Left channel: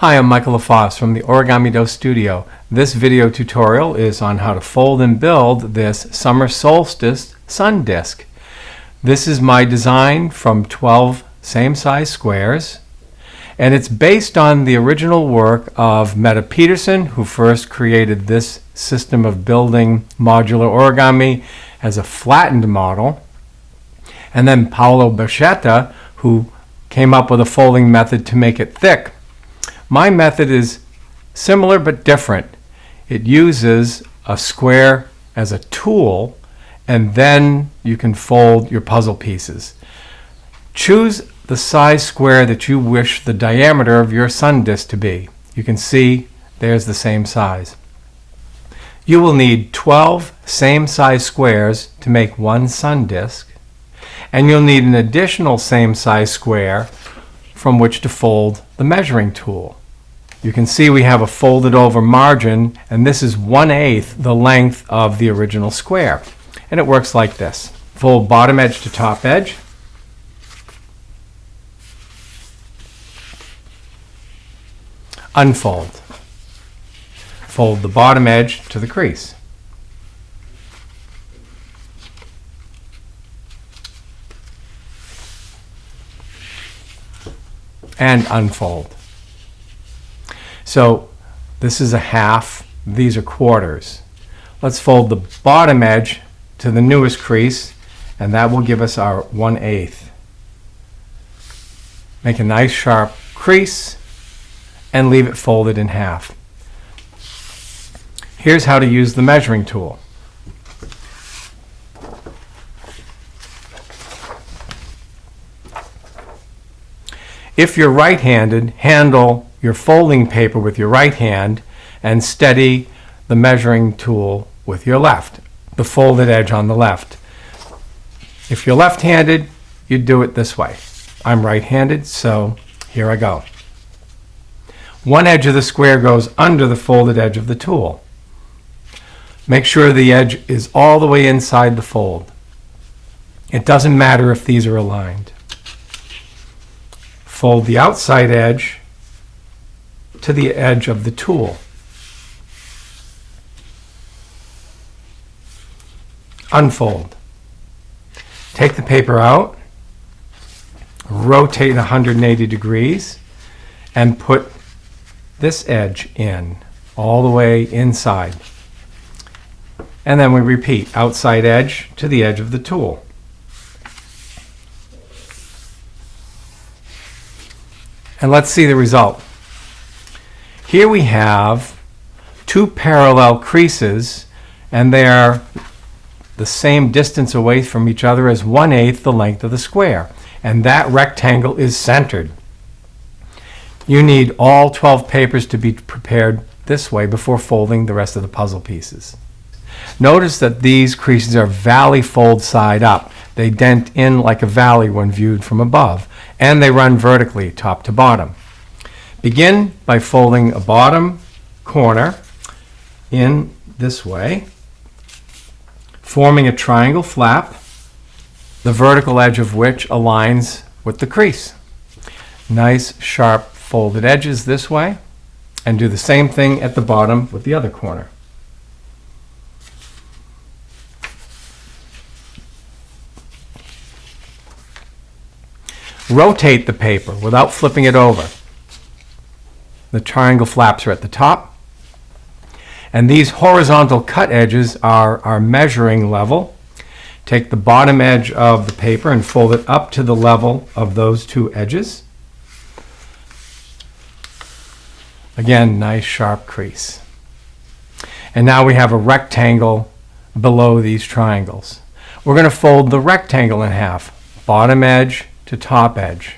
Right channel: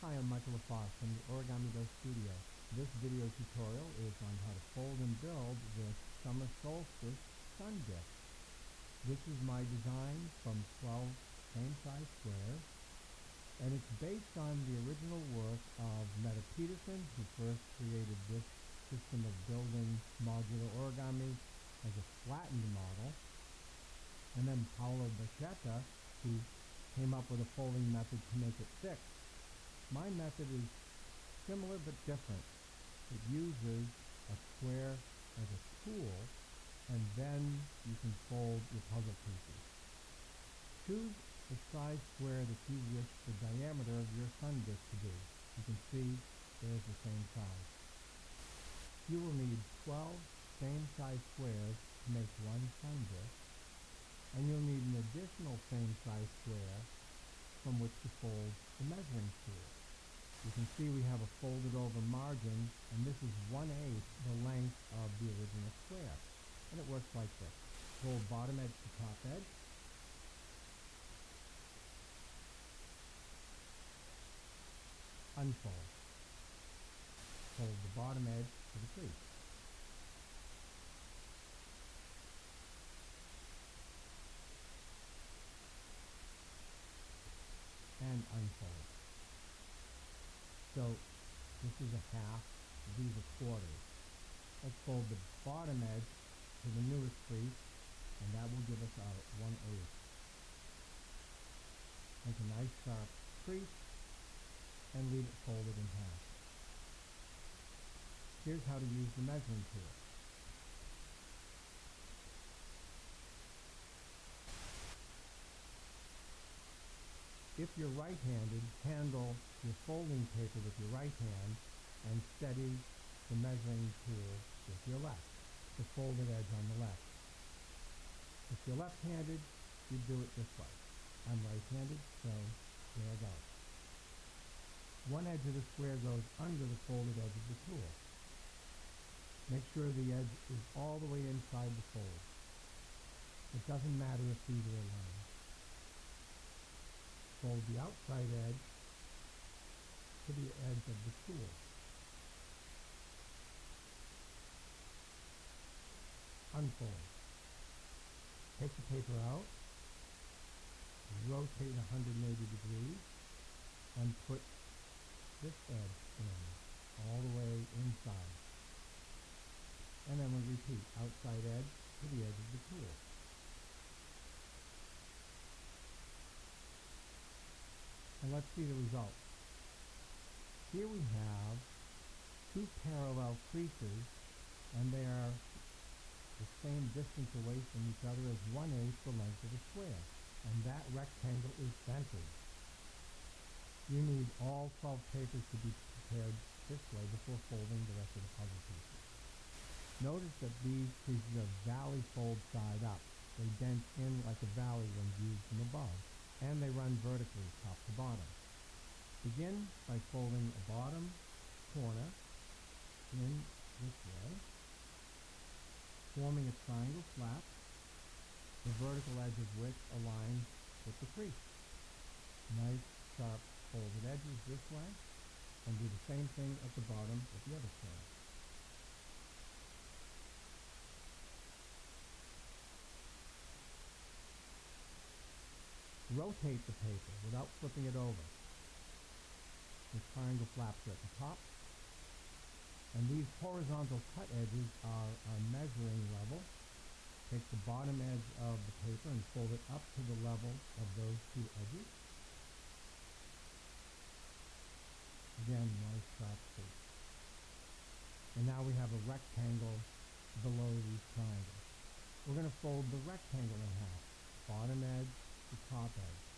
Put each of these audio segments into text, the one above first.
Hi, I'm Michael LaFosse from the Origami Do Studio. This video tutorial is on how to fold and build this summer solstice sun disk. This is my design from 12 same-size squares, and it's based on the original work of Meta Peterson, who first created this system of building modular origami as a flattened model, and then Paolo Berchetta, who came up with a folding method to make it thick. My method is similar but different. It uses a square as a tool, and then you can fold your puzzle pieces. Choose the size square that you wish the diameter of your sun disk to be. You can see there's the same size. You will need 12 same size squares to make one sun disk, and you'll need an additional same size square from which to fold the measuring tool. You can see we have a folded over margin, and this is 1/8 the length of the original square. And it works like this. Fold bottom edge to top edge. Unfold. Fold the bottom edge to the crease. And unfold. So this is a half, these are quarters. Let's fold the bottom edge to the newest crease, and that will give us our 1/8. Make a nice sharp crease and leave it folded in half. Here's how to use the measuring tool. If you're right-handed, handle your folding paper with your right hand and steady the measuring tool with your left, the folded edge on the left. If you're left-handed, you do it this way. I'm right-handed, so here I go. One edge of the square goes under the folded edge of the tool. Make sure the edge is all the way inside the fold. It doesn't matter if these are aligned. Fold the outside edge to the edge of the tool. Unfold. Take the paper out, rotate 180 degrees, and put this edge in, all the way inside. And then we repeat, outside edge to the edge of the tool. And let's see the result. Here we have two parallel creases, and they are the same distance away from each other as 1/8 the length of the square. And that rectangle is centered. You need all 12 papers to be prepared this way before folding the rest of the puzzle pieces. Notice that these creases are valley fold side up. They dent in like a valley when viewed from above, and they run vertically top to bottom. Begin by folding a bottom corner in this way, forming a triangle flap, the vertical edge of which aligns with the crease. Nice sharp folded edges this way, and do the same thing at the bottom with the other corner. Rotate the paper without flipping it over. The triangle flaps are at the top, and these horizontal cut edges are our measuring level. Take the bottom edge of the paper and fold it up to the level of those two edges. Again, nice sharp crease. And now we have a rectangle below these triangles. We're going to fold the rectangle in half, bottom edge to top edge.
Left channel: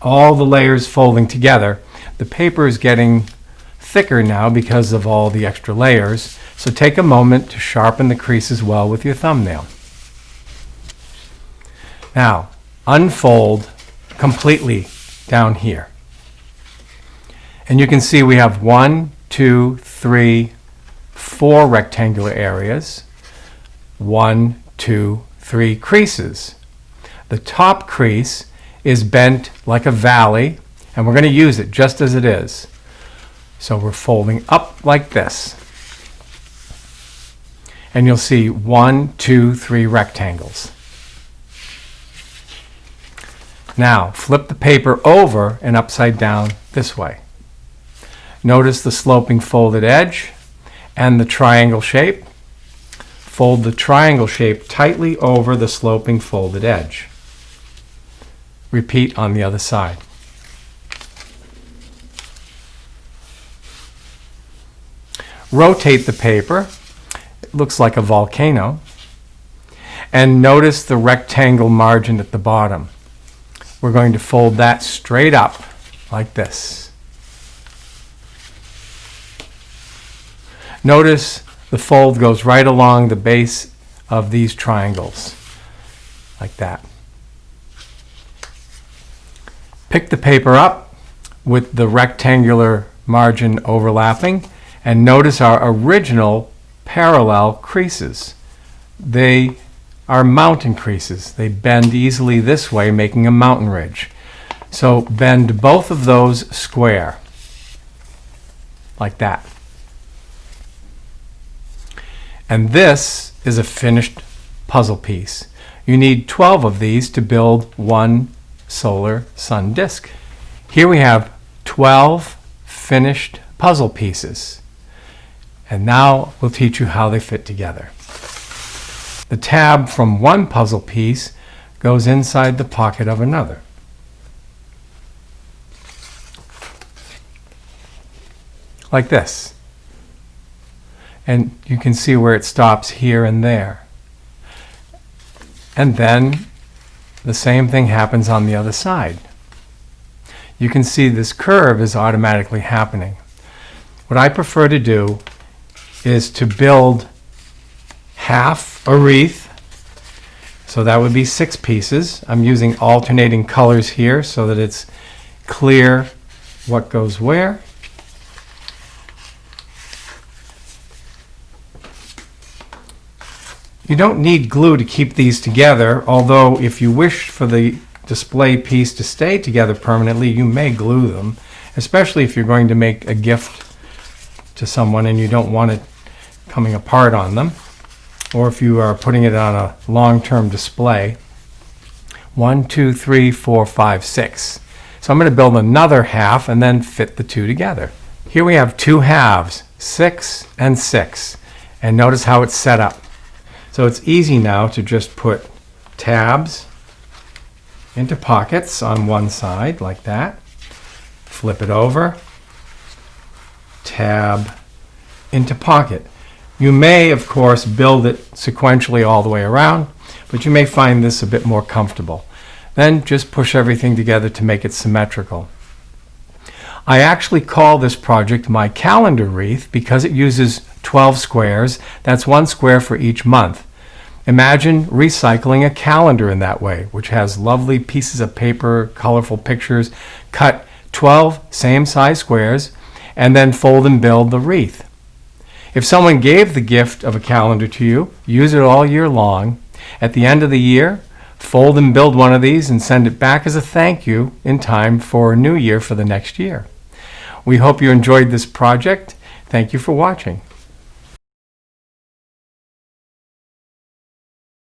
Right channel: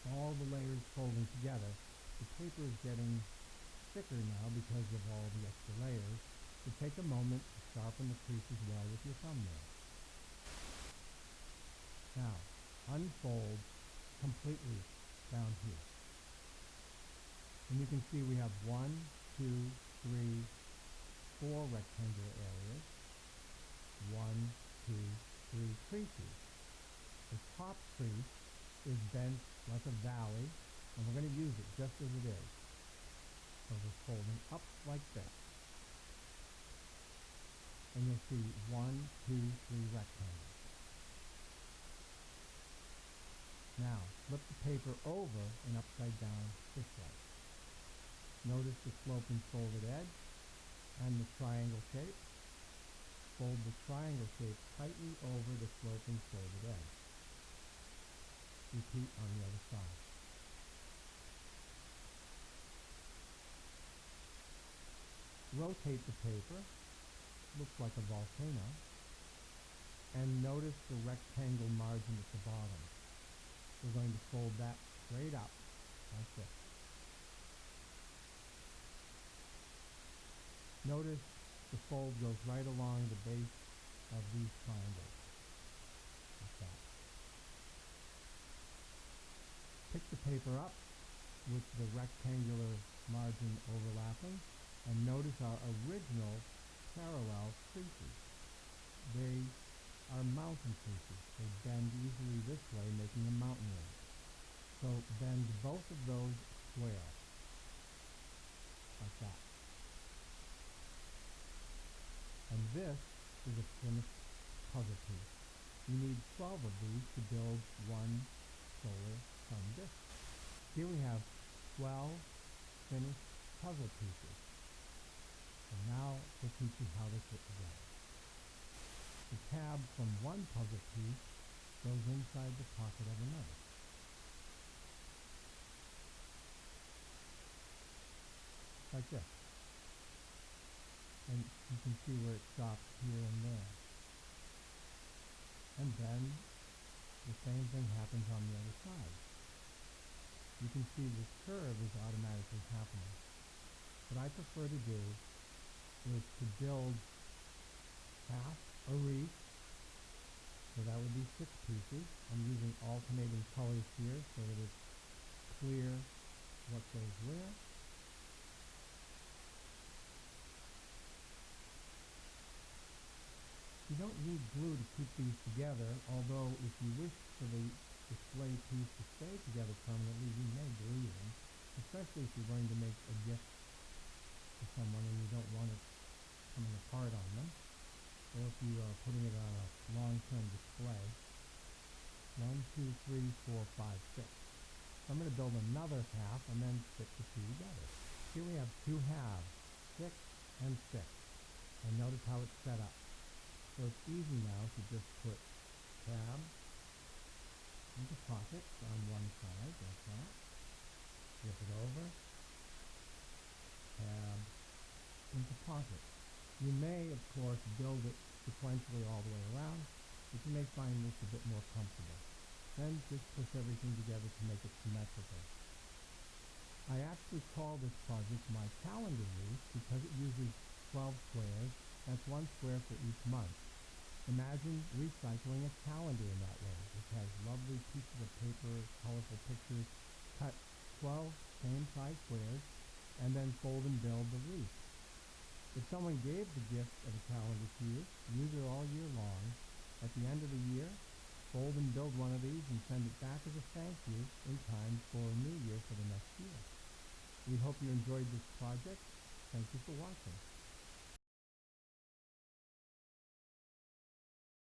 All the layers folding together. The paper is getting thicker now because of all the extra layers, so take a moment to sharpen the creases well with your thumbnail. Now, unfold completely down here. And you can see we have 1, 2, 3, 4 rectangular areas. 1, 2, 3 creases. The top crease is bent like a valley, and we're going to use it just as it is. So we're folding up like this. And you'll see 1, 2, 3 rectangles. Now, flip the paper over and upside down this way. Notice the sloping folded edge and the triangle shape. Fold the triangle shape tightly over the sloping folded edge. Repeat on the other side. Rotate the paper. It looks like a volcano. And notice the rectangle margin at the bottom. We're going to fold that straight up like this. Notice the fold goes right along the base of these triangles, like that. Pick the paper up with the rectangular margin overlapping, and notice our original parallel creases. They are mountain creases. They bend easily this way, making a mountain ridge. So bend both of those square, like that. And this is a finished puzzle piece. You need 12 of these to build one solar sun disk. Here we have 12 finished puzzle pieces. And now we'll teach you how they fit together. The tab from one puzzle piece goes inside the pocket of another. Like this. And you can see where it stops here and there. And then the same thing happens on the other side. You can see this curve is automatically happening. What I prefer to do is to build half a wreath. So that would be 6 pieces. I'm using alternating colors here so that it's clear what goes where. You don't need glue to keep these together, although if you wish for the display piece to stay together permanently, you may glue them, especially if you're going to make a gift to someone and you don't want it coming apart on them, or if you are putting it on a long-term display. 1, 2, 3, 4, 5, 6. So I'm going to build another half and then fit the two together. Here we have 2 halves, 6 and 6, and notice how it's set up. So it's easy now to just put tabs into pockets on one side like that. Flip it over, tab into pocket. You may, of course, build it sequentially all the way around, but you may find this a bit more comfortable. Then just push everything together to make it symmetrical. I actually call this project my calendar wreath because it uses 12 squares. That's 1 square for each month. Imagine recycling a calendar in that way, which has lovely pieces of paper, colorful pictures. Cut 12 same size squares and then fold and build the wreath. If someone gave the gift of a calendar to you, use it all year long. At the end of the year, fold and build one of these and send it back as a thank you in time for a new year for the next year. We hope you enjoyed this project. Thank you for watching.